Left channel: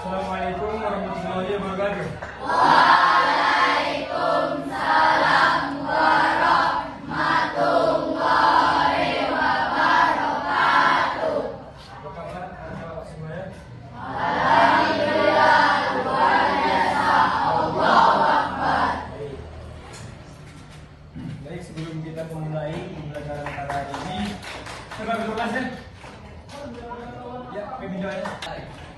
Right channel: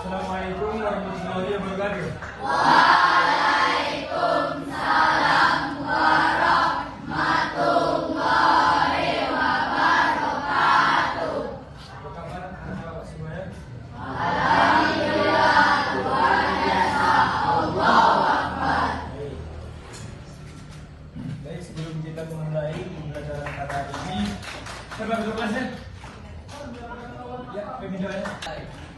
Assalamualaikum warahmatullahi wabarakatuh. Waalaikumsalam warahmatullahi wabarakatuh. Apa kabar anak-anak semuanya? Alhamdulillah, luar biasa. Allahu Akbar. Baik, sebelum kita memulai pembelajaran pada hari ini, coba duduk kelasnya. Ya, pembelajarannya.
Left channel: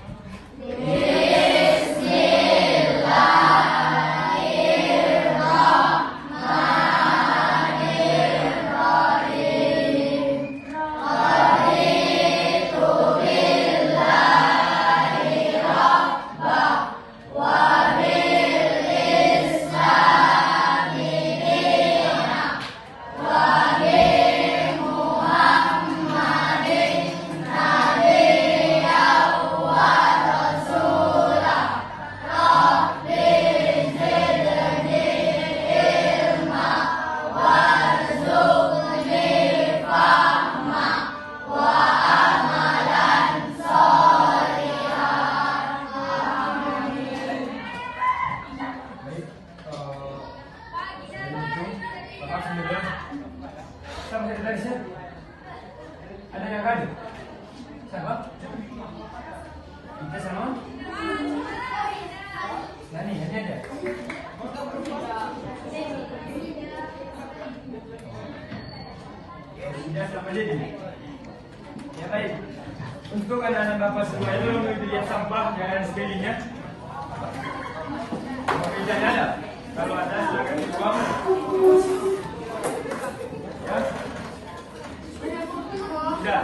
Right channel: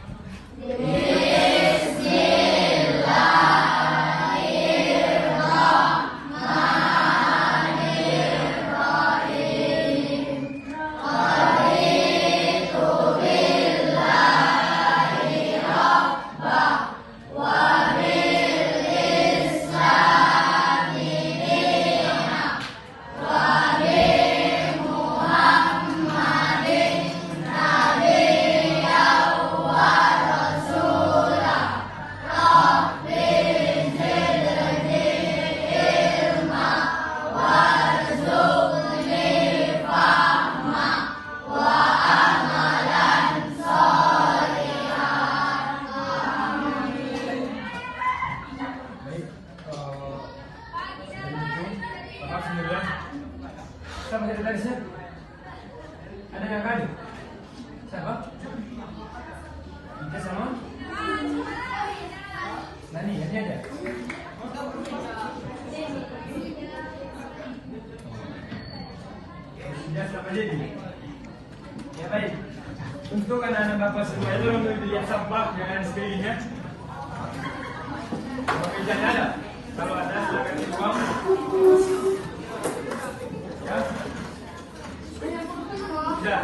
Sama dari garisnya. Ada yang ada? Siapa? Kita sama? Nani, ada aja. Sudah sama jadi. Ya baik. Untuk anak-anak bapak semua itu untuk dilihat sampah jangan sekelilingnya. Kalau tidak ada, kalau ada silakan dibuang. Ya.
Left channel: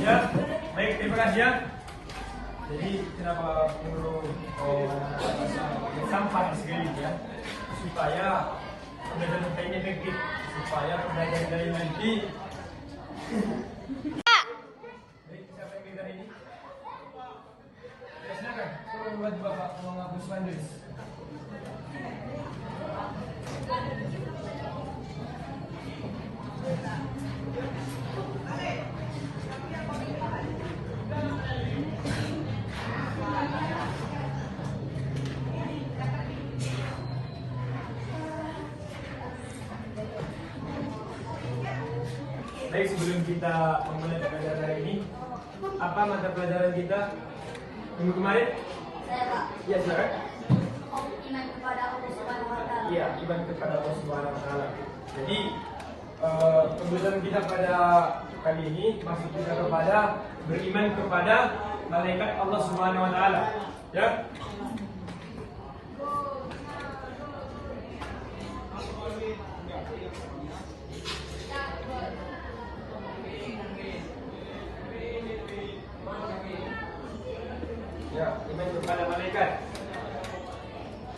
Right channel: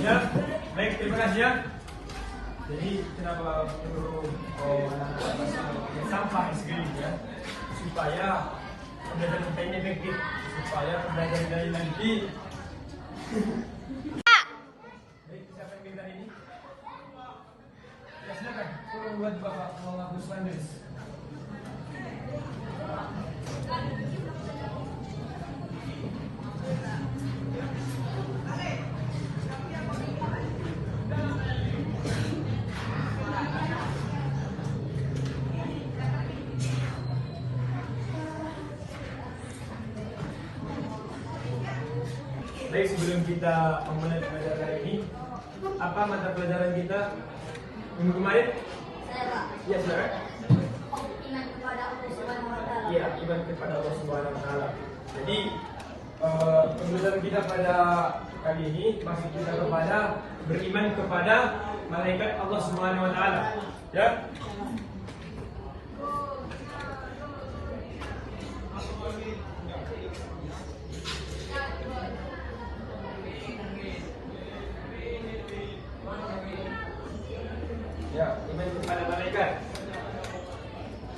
Ya, baik, terima kasih ya. Jadi kenapa perlu sampah sekali ya, supaya pembelajaran kita ini efektif, supaya pembelajaran dari nanti. Baik, siapa yang minta ini? Ya silakan, tolong buat bapak menghapus Wanderis. Baik, sebelum kita memulai pelajaran hari ini, apa mata pelajaran kita minggu kemarin? Saya Pak. Ya, silakan. Iman kepada Allah Subhanahu wa Ta'ala. Iya, iman kepada Allah Subhanahu wa Ta'ala. Jadi pembelajaran kita pada kali ini maksud kita kepada beriman kepada malaikat Allah Subhanahu wa Ta'ala. Ya. Ya, iman kepada malaikat.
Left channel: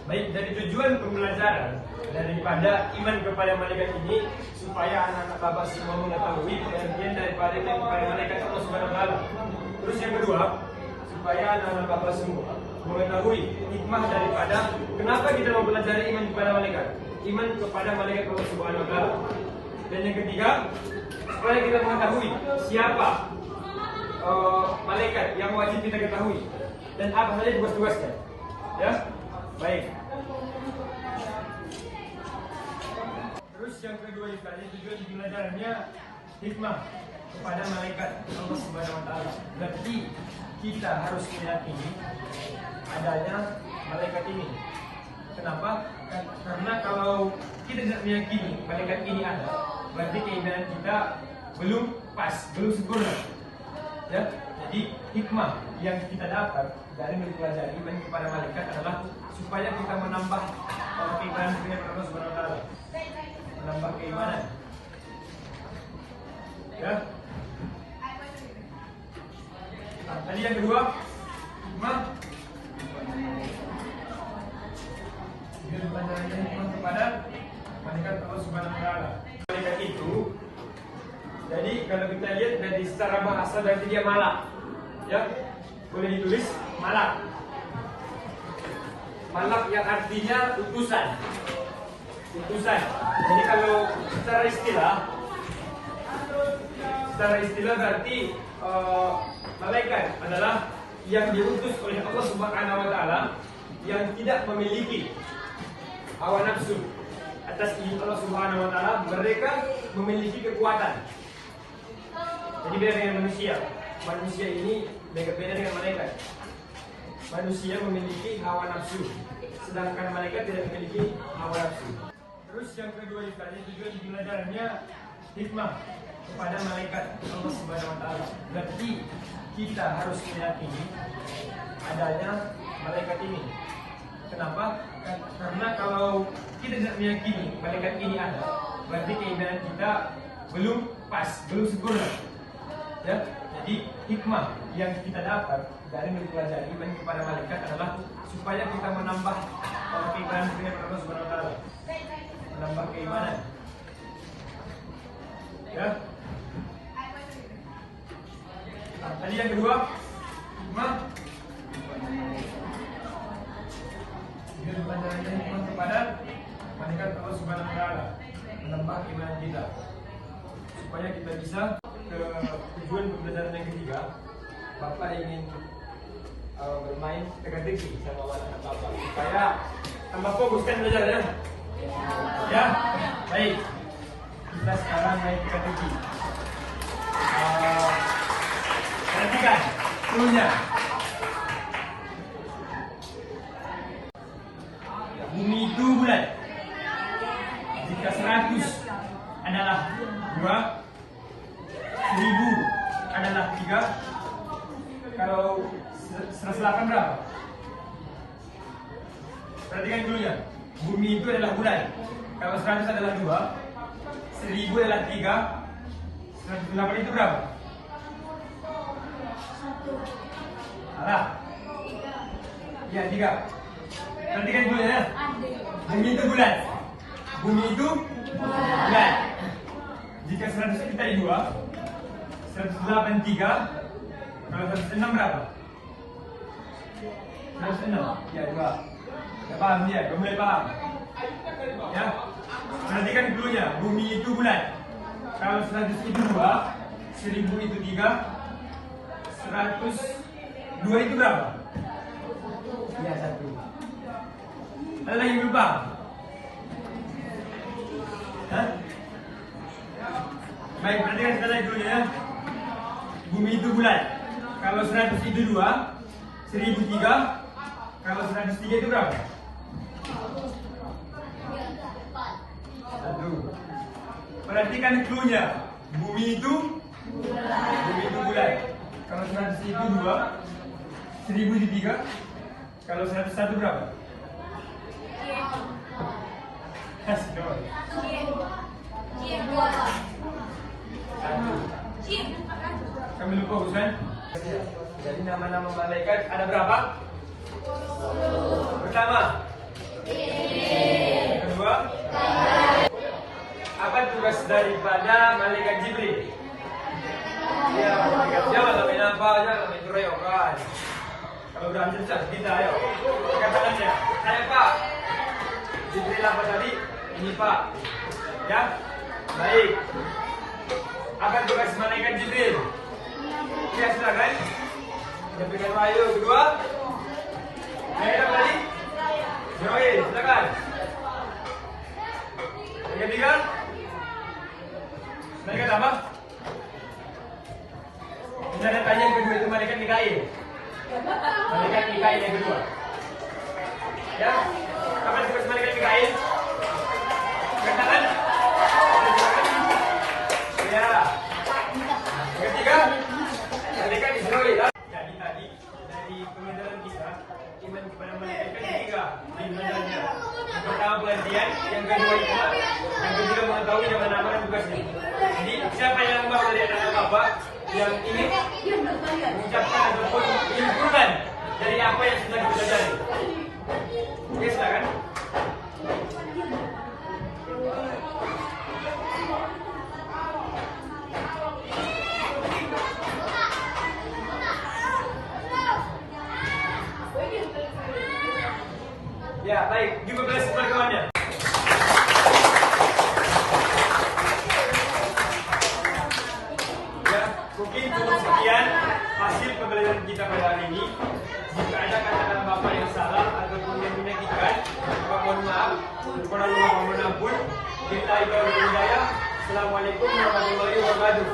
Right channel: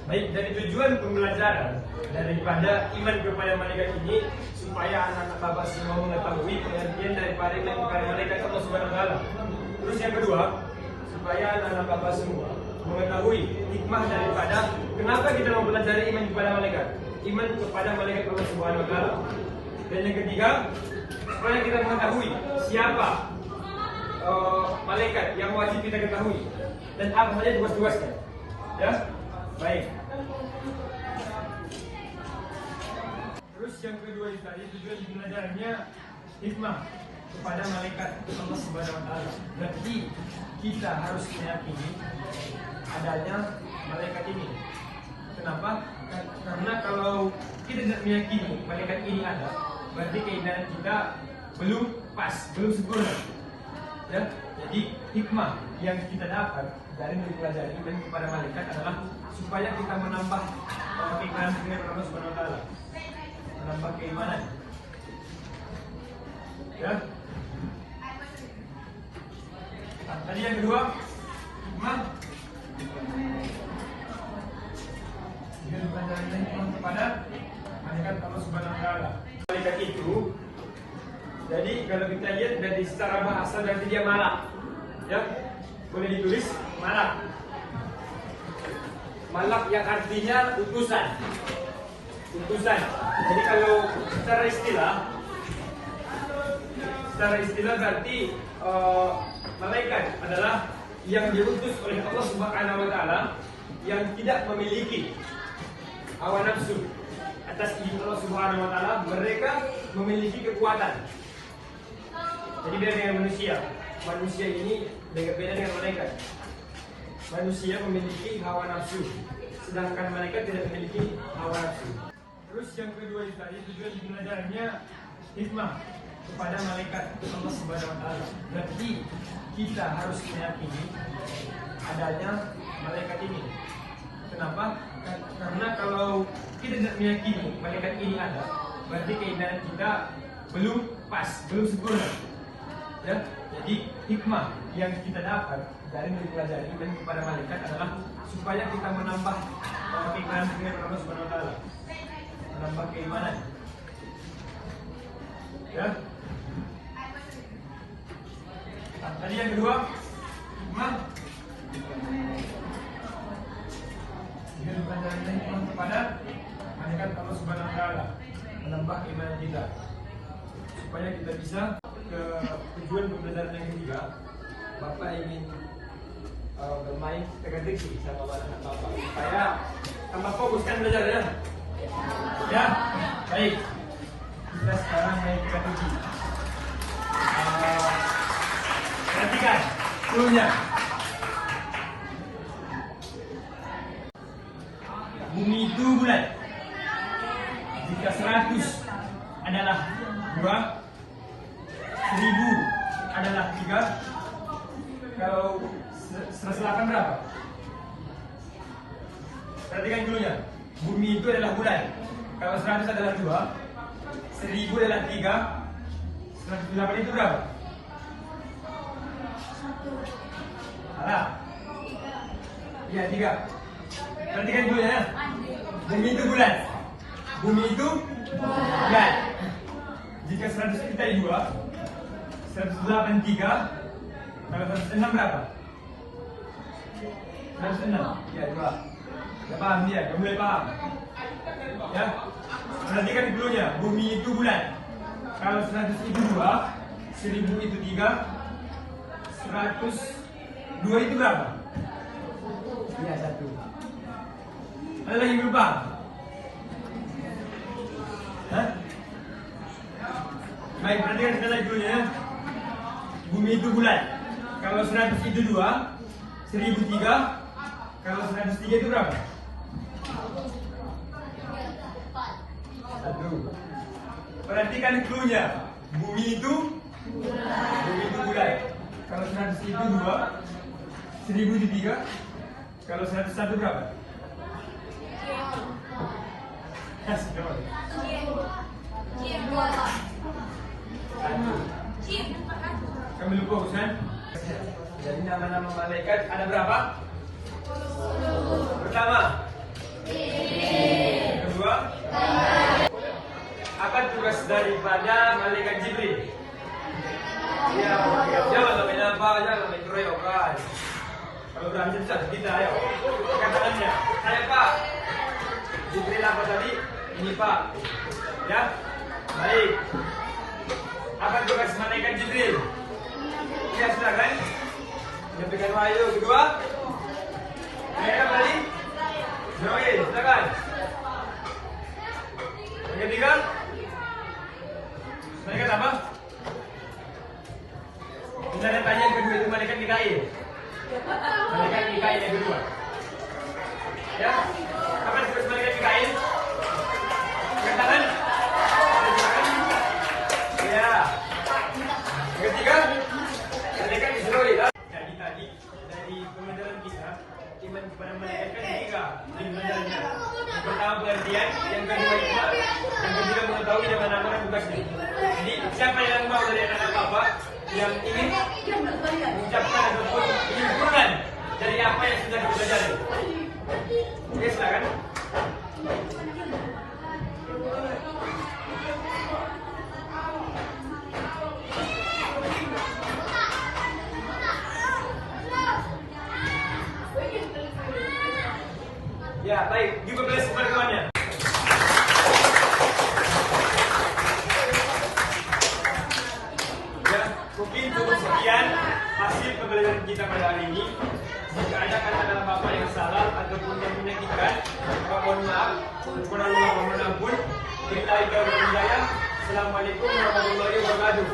Baik, dari tujuan pembelajaran daripada iman kepada malaikat ini supaya anak-anak bapak semua mengetahui pengertian daripada iman kepada malaikat Allah Subhanahu wa Ta'ala. Terus yang kedua, supaya anak-anak bapak semua mengetahui hikmah daripada kenapa kita mau belajar iman kepada malaikat. Iman kepada malaikat Allah Subhanahu wa Ta'ala. Dan yang ketiga, supaya kita mengetahui siapa malaikat yang wajib kita ketahui dan apa saja tugas-tugasnya. Ya, baik. Terus yang kedua tadi tujuan belajarnya hikmah kepada malaikat Allah Subhanahu wa Ta'ala. Berarti kita harus meyakini adanya malaikat ini. Kenapa? Karena kalau kita tidak meyakini malaikat ini ada, berarti keimanan kita belum pas, belum sempurna. Ya, jadi hikmah yang kita dapat dari mempelajari iman kepada malaikat adalah supaya kita menambah keimanan kita kepada Allah Subhanahu wa Ta'ala, menambah keimanan. Ya. Tadi yang kedua, hikmah kepada malaikat Allah Subhanahu wa taala. Malaikat itu, jadi kalau kita lihat dari secara bahasa berarti dia malak. Ya, boleh ditulis malak. Malak yang artinya utusan. Utusan. Jadi kalau secara istilah berarti malaikat adalah yang diutus oleh Allah Subhanahu wa taala yang tidak memiliki hawa nafsu atas izin Allah Subhanahu wa taala, mereka memiliki kekuatan. Jadi dia dengan manusia. Manusia ini berbeda dengan malaikat. Manusia memiliki hawa nafsu, sedangkan malaikat tidak memiliki hawa nafsu. Terus yang kedua juga belajarnya hikmah kepada malaikat Allah Subhanahu wa taala. Berarti kita harus meyakini adanya malaikat ini. Kenapa? Karena kalau kita tidak meyakini malaikat ini ada, berarti keimanan kita belum pas, belum sempurna. Ya, jadi hikmah yang kita dapat dari mempelajari iman kepada malaikat adalah supaya kita menambah keimanan kita kepada Allah Subhanahu wa taala. Menambah keimanan. Ya. Nah, tadi yang kedua, hikmah kepada malaikat Allah Subhanahu wa taala, menambah keimanan kita supaya kita bisa ke tujuan pembelajaran yang ketiga. Bapak ingin bermain teka-teki sama anak Bapak supaya tambah fokus kan belajarnya. Ya, baik. Kita sekarang naik teka-teki. Perhatikan cluenya. Bumi itu bulat. Jika 100 adalah 2, 1000 adalah 3. Kalau 108 berapa? Perhatikan dulunya. Bumi itu adalah bulat. Kalau 100 adalah 2, 1000 adalah 3, 108 itu berapa? Salah. Ya, 3. Perhatikan dulu ya. Bumi itu bulat. Bumi itu bulat. Jika 100 kita 2, 108 3, kalau 106 berapa? 106. Ya, 2. Tidak paham dia, belum boleh paham. Ya. Perhatikan dulunya. Bumi itu bulat. Kalau 100 itu 2, 1000 itu 3, 102 itu berapa? Ya, 1. Ada lagi belum paham? Hah? Baik, perhatikan kita lagi dulu ya. Bumi itu bulat. Kalau 100 itu 2, 1000 3, kalau 103 itu berapa? 1. Perhatikan cluenya. Bumi itu bulat. Kalau 100 itu 2, 1000 itu 3, kalau 101 berapa? Kami lupa kan? Jadi nama-nama malaikat ada berapa? Pertama, kedua, apa tugas daripada malaikat Jibril? Ya, jangan main apa, jangan main keroyokan. Kalau berani bisa kita ayo. Katakannya, saya Pak. Jibril apa tadi? Ini Pak. Ya, baik. Apa tugas malaikat Jibril? Ya, silakan. Menyampaikan wahyu. Kedua, yang apa tadi? Join, silakan. Yang ketiga, malaikat apa? Misalnya tanya yang kedua itu malaikat Mikail. Malaikat Mikail yang kedua. Ya, apa tugas malaikat Mikail? Katakan. Ya. Yang ketiga, malaikat Israel. Jadi tadi dari pembelajaran kita, iman kepada malaikat ada 3 di pembelajarannya. Yang pertama pengertian, yang kedua hikmah, yang ketiga mengetahui nama-nama dan tugasnya. Jadi siapa yang mau dari anak bapak yang ingin mengucapkan ataupun menyimpulkan dari apa yang sudah kita pelajari? Oke, silakan. Ya, baik. Juga beres pertemuannya. Ya, mungkin cukup sekian hasil pembelajaran kita pada hari ini. Jika ada kata-kata Bapak yang salah ataupun yang menyakitkan, maka mohon maaf. Kurang mohon ampun. Kita ibadah berjaya. Assalamualaikum warahmatullahi wabarakatuh.